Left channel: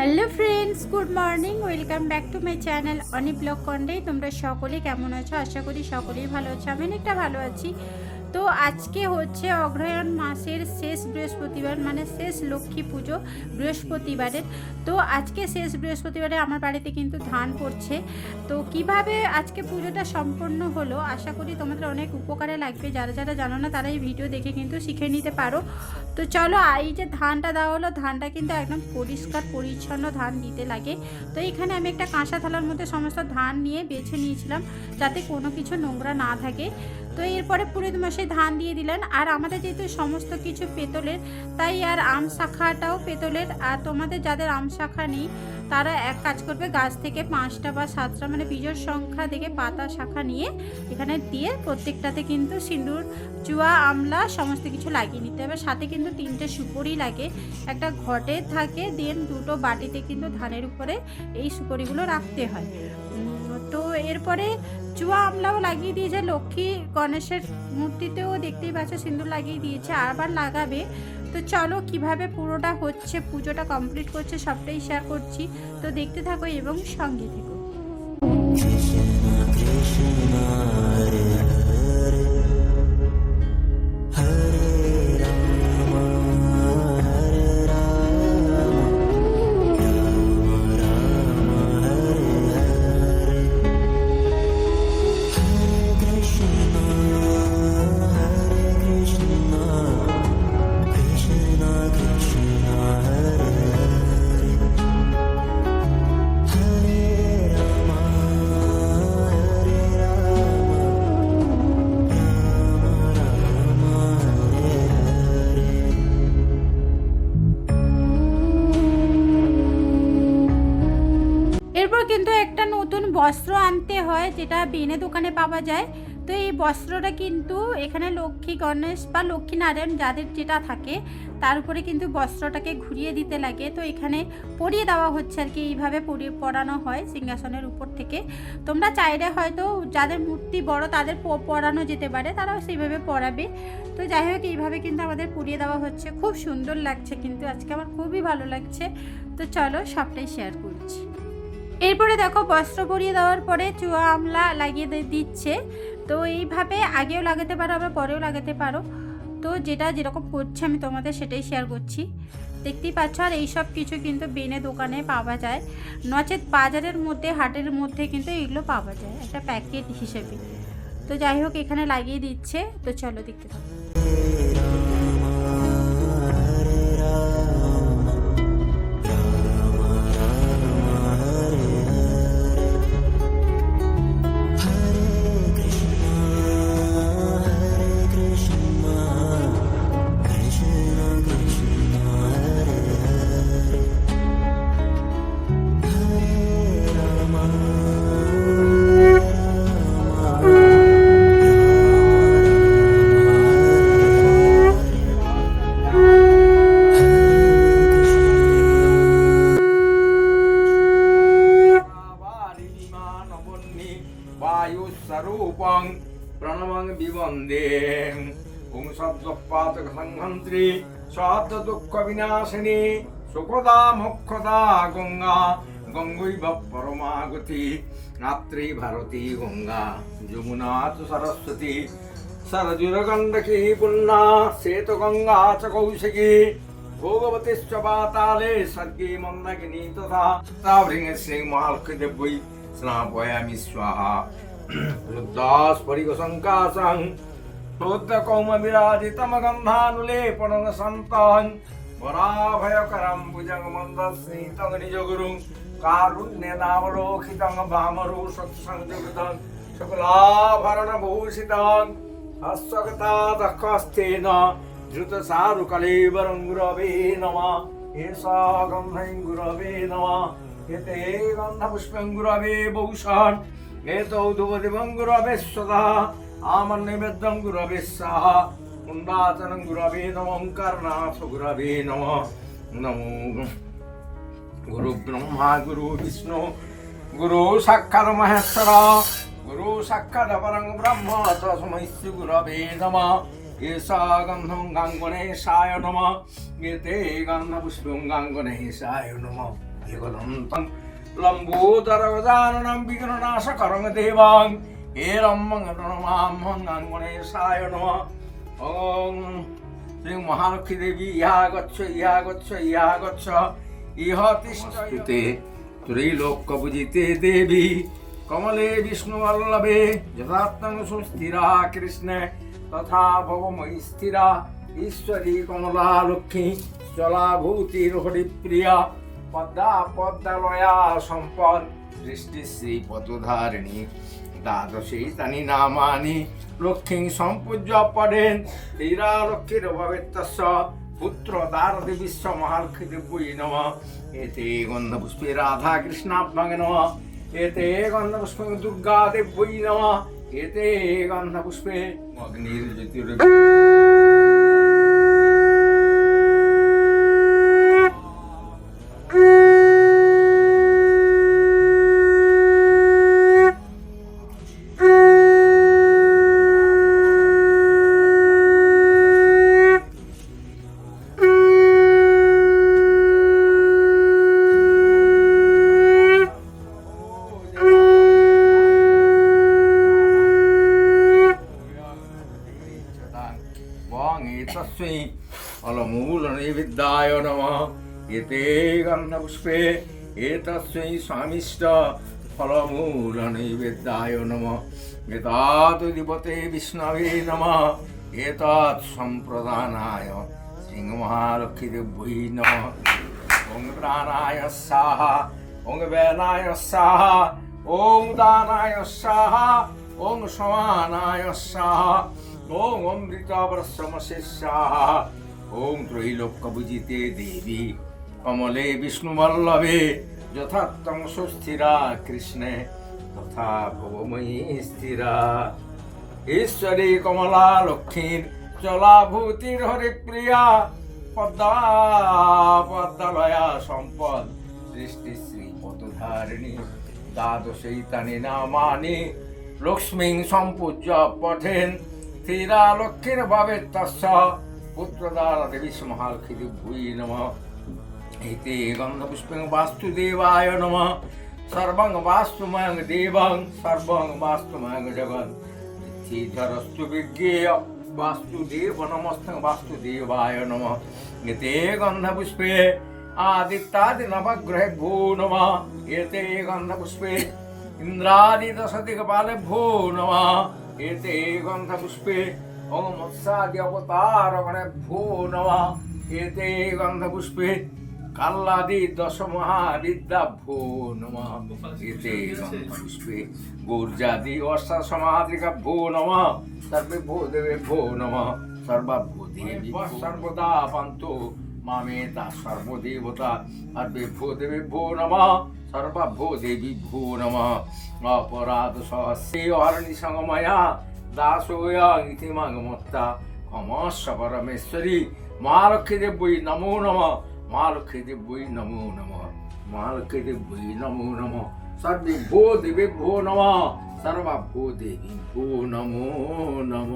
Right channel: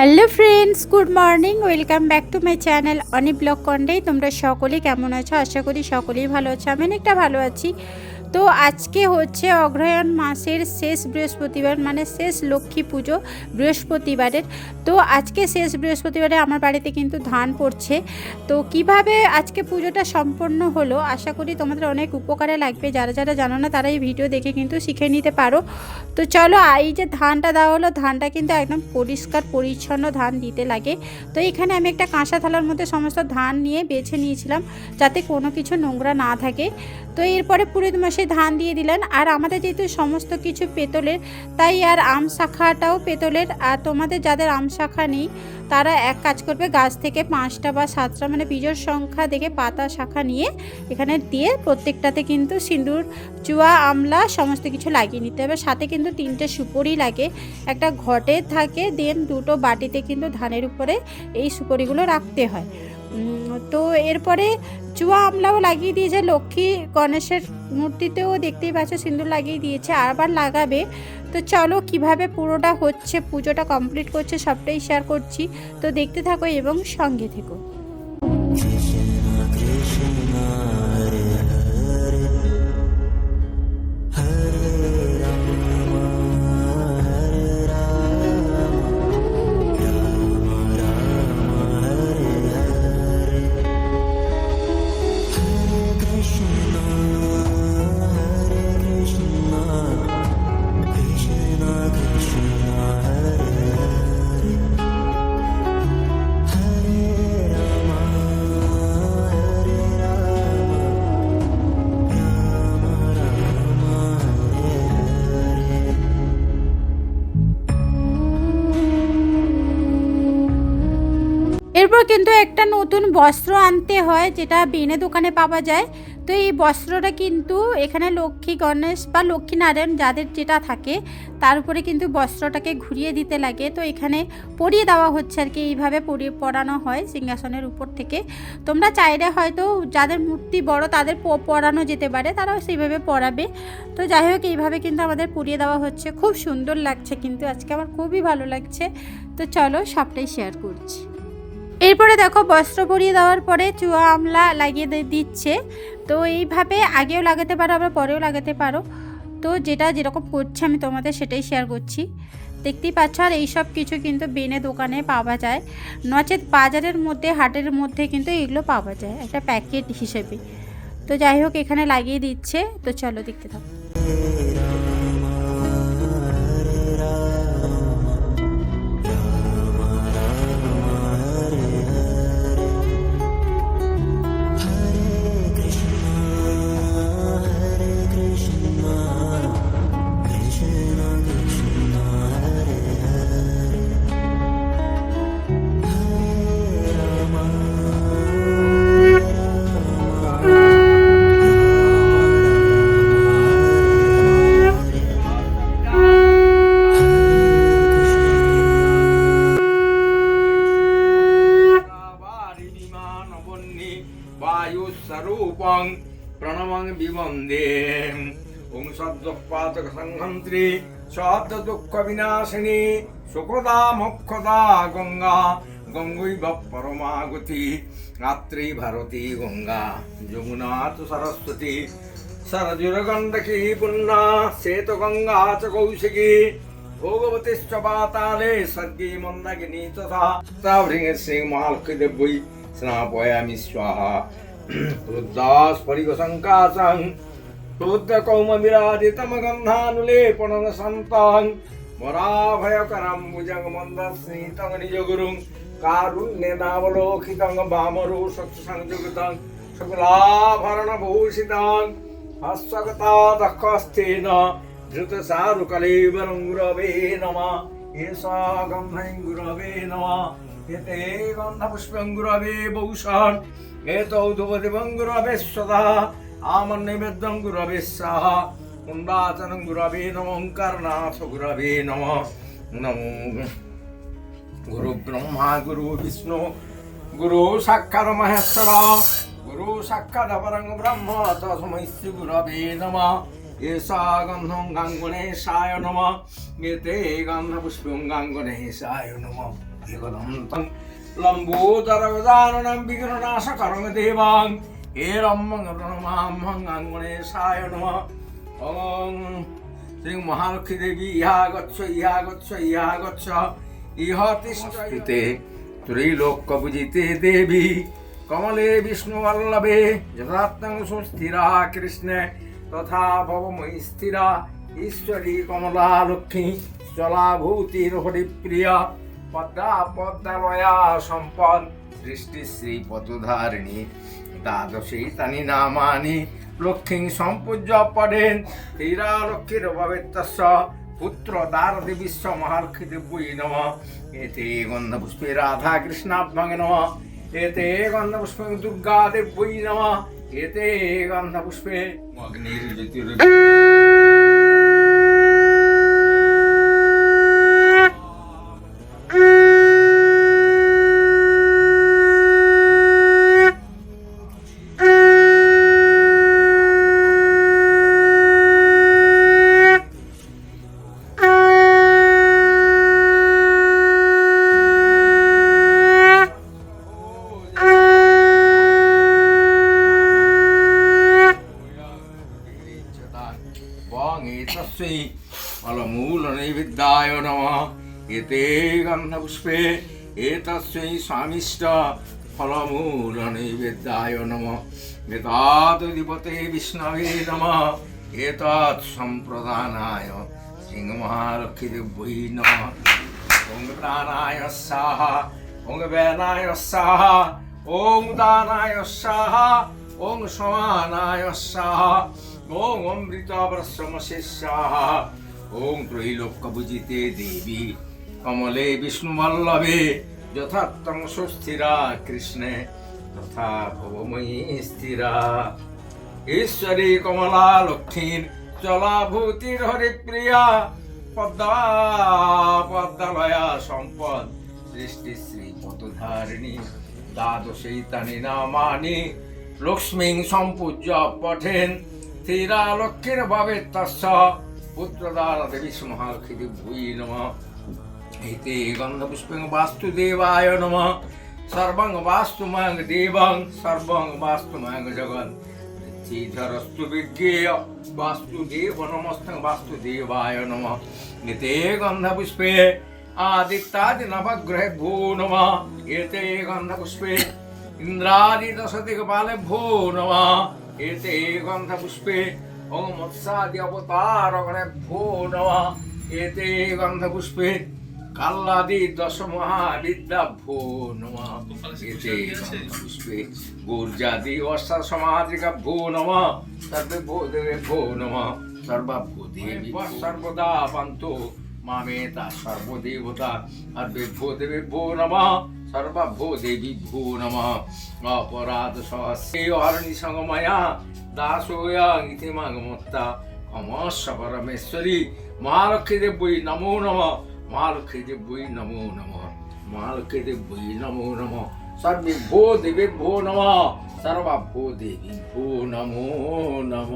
Hello friends, good morning, welcome back to my channel Oni blog কন্ডে। তোমরা সকলেই কেমন আছো? আশা করি সকলেই ভালো আছো, আমি অনেকটা ভালো আছি। তো আজকে হচ্ছে অগ্রহায়ণ মাসের শেষ বৃহস্পতিবার মানে শেষ লক্ষ্মী পুজো বৃহস্পতিবারের। তো আজকে শেষ বৃহস্পতিবারে আমার বাড়িতে কিন্তু ধান পড়ছে। তো কীভাবে আজকে পুজোটা সম্পন্ন হলো, আশা করি তোমাদের অনেক উপকারে লাগবে। যারা যারা জানো না, তারা এই ভিডিও দেখে কিন্তু শিখে নিতে পারো। তো চলো এই যে ধানটা দেওয়া হলো, ধানটা কিন্তু একদম পরিষ্কার, পরিচ্ছন্ন ধান দিতে লাগে। তো এখানে আমি একটা কাঁসা থালার মধ্যে সমস্ত ধান নিয়ে বেছে নিয়েছিলাম, যাতে কোনো কিছু নোংরা না থাকে। তো এরপরে পুরোহিত মশাই ধান দিয়ে দিলেন, আর আমাদের যেহেতু সমস্ত কিছু পেতলের, তাই আর আম শাখাটাও পেতলের, আর তোমাদের যাদের আম শাখা নেই তারা এক কাজ করবে, গাছ থেকে পাঁচটা বা সাতটা মানে বীজর সংখ্যা দেখে পাতা শাখা নিয়ে এখানে দিয়ে প্রত্যেকটাতে কিন্তু সিঁদুর, চুয়া, আমলা সমস্ত কিছু লাগিয়ে নিতে হবে। সাথে কিন্তু তিনটে সুপরি লাগে। একটা ঘটে থাকে, দেন দুটো বাটিতে কিন্তু ধানের উপরে এই সুপরিগুলো রাখতে হয়। তো এরপরে চুয়া, আমলাও লাগিয়ে দিয়েছে। লক্ষ্মী গণেশের মূর্তিতেও দেখতেই পাচ্ছ সিঁদুর লাগিয়ে দিয়েছে। আবার লাগাবে তো চলো কীভাবে পুরোটা হচ্ছে, পুজোটা কমপ্লিট করছে, সবটাই শেয়ার করছি। তো দেখতে থাকো এবং সঙ্গে থেকো। একটা নতুন বস্ত্র আনতে হয়, যেটা বেনে দোকানে পাওয়া যায়। তো এই বস্ত্রটা কিন্তু এখানে লক্ষ্মী গণেশ বা লক্ষ্মী নারায়ণ যাদের যেটা থাকে, তার উপরে কিন্তু বস্ত্রটাকে ঘুরিয়ে দিতে লাগে। তো এখানে পরিয়ে দেওয়া হচ্ছে আর কি, এইভাবে পরিয়ে পরানো হয় সিংহাসনের উপর থেকে। তোমরা চাইলে হয়তো যাদের মূর্তি বড়, তাদের পরানো যেতে পারে, তারাও সেইভাবে পরাবে। তো যাই হোক, এইভাবে কিন্তু আমাদের পরিয়ে দেওয়া হচ্ছে। খুব সুন্দর লাগছে কিন্তু, আজকে আমার খুবই ভালো লাগছে। তো চলো সবটাই শেয়ার করছি। এরপরে দেখো বস্ত্র পরিয়ে দেওয়ার পরে চুয়া আমলা লাগিয়ে দিচ্ছে। তো এইভাবে আগেও লাগাতে পারো, আবার পরেও লাগাতে পারো। তো যেটা যেরকম করছে আমি তোমাদের সেটাই শেয়ার করছি। দেখতেই পাচ্ছ, আর এইসব কিছু কিন্তু বেনে দোকানে পাওয়া যায়। নচেত বাজারের মধ্যে, হাটের মধ্যে কিন্তু এগুলো পাওয়া যায়, একটা প্যাকেট হিসেবে। তো যাই হোক, এখানে লাগিয়ে দিচ্ছে। তো চলো দেখতে থাকো। শব্দপাতক সংহন্ত্রী শব্দ দুঃখ বিনাশিনী সুখদা মোক্ষদা গঙ্গা, গঙ্গৈব পরমাগতি রাত্রি ভারতী গঙ্গা যমুনা তো সরস্বতী সরজুরগণ্ডকী পুণ্যা শ্বেত গঙ্গা চ কৌশিকী, ভোগবতীশ্চ পাতালে স্বর্গী মন্দাকিনী তথা তাভৃঙে শ্রীমালকদেব্যৈ স্নাপয়ামি স্বাহা। রুদ্দাস পরিগশঙ্কাশং सन्तं वराभयकरं भुजगमन्दस्मितं निजगुरुं कारुण्यनावलोकितं वामरुषत्संयुगितं शुक्लाभरणभूषितं हस्वगता दक्षस्थेन धृतसारुकलेवरं गुरवे नमः एषा गन्धं गुरवे नमः एते गन्धपुष्पं गुरवे भूषन् एतौ धुपदिवं गुरवे स्वदा আমার নৈবেদ্যম গুরবে সাহা কুণ্ডাচন গুরবে নমঙ্কারনাথ গুরবে নম, নমো, গুরু ব্রহ্মা, গুরু বিষ্ণু, গুরু সাক্ষাৎ মহেশ্বর, গুরু সাক্ষাৎ পরং ব্রহ্ম তসমৈ শ্রী গুরবে নম, এষা গন্ধং গাঙ্গণেশায় নম, এতে গন্ধপুষ্পং গাঙ্গণেশায় নম এগদন্তং লম্বোদরগদানং বিঘ্ননাশকরং দেবাং এরম্মং রণমাম্মং আঙ্গণেশায় নমঃ ওং শ্রী মহালক্ষ্মী দেবী ইহা গচ্ছ ইহা গচ্ছ ইহা গচ্ছ ইহ তিষ্ঠতে ত্রৈলোক্যপূজিতে দেবী কমলে বিষ্ণুবল্লভে যথাত্মং সুস্থিরা কৃষ্ণে তথা ভবময়ী স্থিরা ঈশ্বরী কমলা লক্ষ্মী চলাভূতির হরিপ্রিয়া পদ্মা পদ্মালয়া সম্পদ সৃষ্টি শ্রী পদধারিণী দ্বাদশী তানি নামানি লক্ষ্মী সম্পূজ্য পড়েন তীরা লক্ষ্মীর ভবেত্তস্য পুত্র দারদি বিশ্ব মহালক্ষ্মী দিব্যই নম। এতে গন্ধপুষ্পে রাধা কৃষ্ণাভ্যঙ্গে নম। এতে গন্ধপুষ্পে দুর্গা দেব্যই নম। এতে গন্ধপুষ্পে অগ্নির্জ্যোতির বং এতে গন্ধপুষ্পে স্বামিষ্ট ফলমূলনৈবেদ্যায় নমঃ। এতাদধিপতে বিষ্ণবে নমঃ। এতৎ সম্প্রদানায় সিংহমহালক্ষ্মীদেব্যৈ নমঃ। ওং প্রাণায় স্বাহা, ওং বেনায় স্বাহা, ওং দানায় স্বাহা, ওং সমানায় স্বাহা, ওং স্বাহা। ওং ত্রৈলোক্যভুজিতে দেবী। কমলে বিষ্ণুবল্লভে, যথাত্তম সুস্থিরা কৃষ্ণে, তথা ভবময়ী স্থিরা। ঈশ্বরী কমলা লক্ষ্মীর চলাভূতির হরিপ্রিয়া পদ্মা পদ্মালয়া সম্পদ সৃষ্টি শ্রী পদধারিণী দ্বাদশী তানি নামানি, লক্ষ্মী সম্পূজ্য পঠেন স্থিরা লক্ষ্মীর ভাবে তস্য পুত্রদার দেবী মহালক্ষ্মী দিব্যই নম। এতে গন্ধপুষ্পং বাস্তুদেবায় নম। সর্বং বাস্তুমং দেবং, সর্বং বাস্তুমং জগৎ। শ্রীধরস্তু বিজ্ঞেয় বাস্তুদেব নমস্তং বাস্তুদেবায় নম। এতে গন্ধপুষ্পে আদিত্যাদি নবগ্রহে ভূ নম। এতে গন্ধপুষ্পে ইন্দ্রাদি দশ দিগপালে গণে ভূ নম। এতে গন্ধপুষ্পে কাল্লাদি দশ মহাবিদ্যা ভূ নম। এতে গন্ধপুষ্পে গুর্জাদি অষ্টা সমাধিকা ভূ নম। সর্বে ভূ দেবে ভূ নম। সর্বাভূ দেবী সর্বদা পান্ত মামেতা সর্বদেবতা। সর্বে ভূ দেবে ভূ নম। অপরাধ সহস্রে হরণি সঙ্গময়া দাসোয়া মাগমত্তা ক্ষমস্ব পরমেশ্বরী মহালক্ষ্মী দেবী নমো নম মহালক্ষ্মী দেবী নমো নম মহালক্ষ্মী দেবী নমো নম সর্বে ভো দেবী ভো নম সর্বাভূ দেবী ভো নমো নম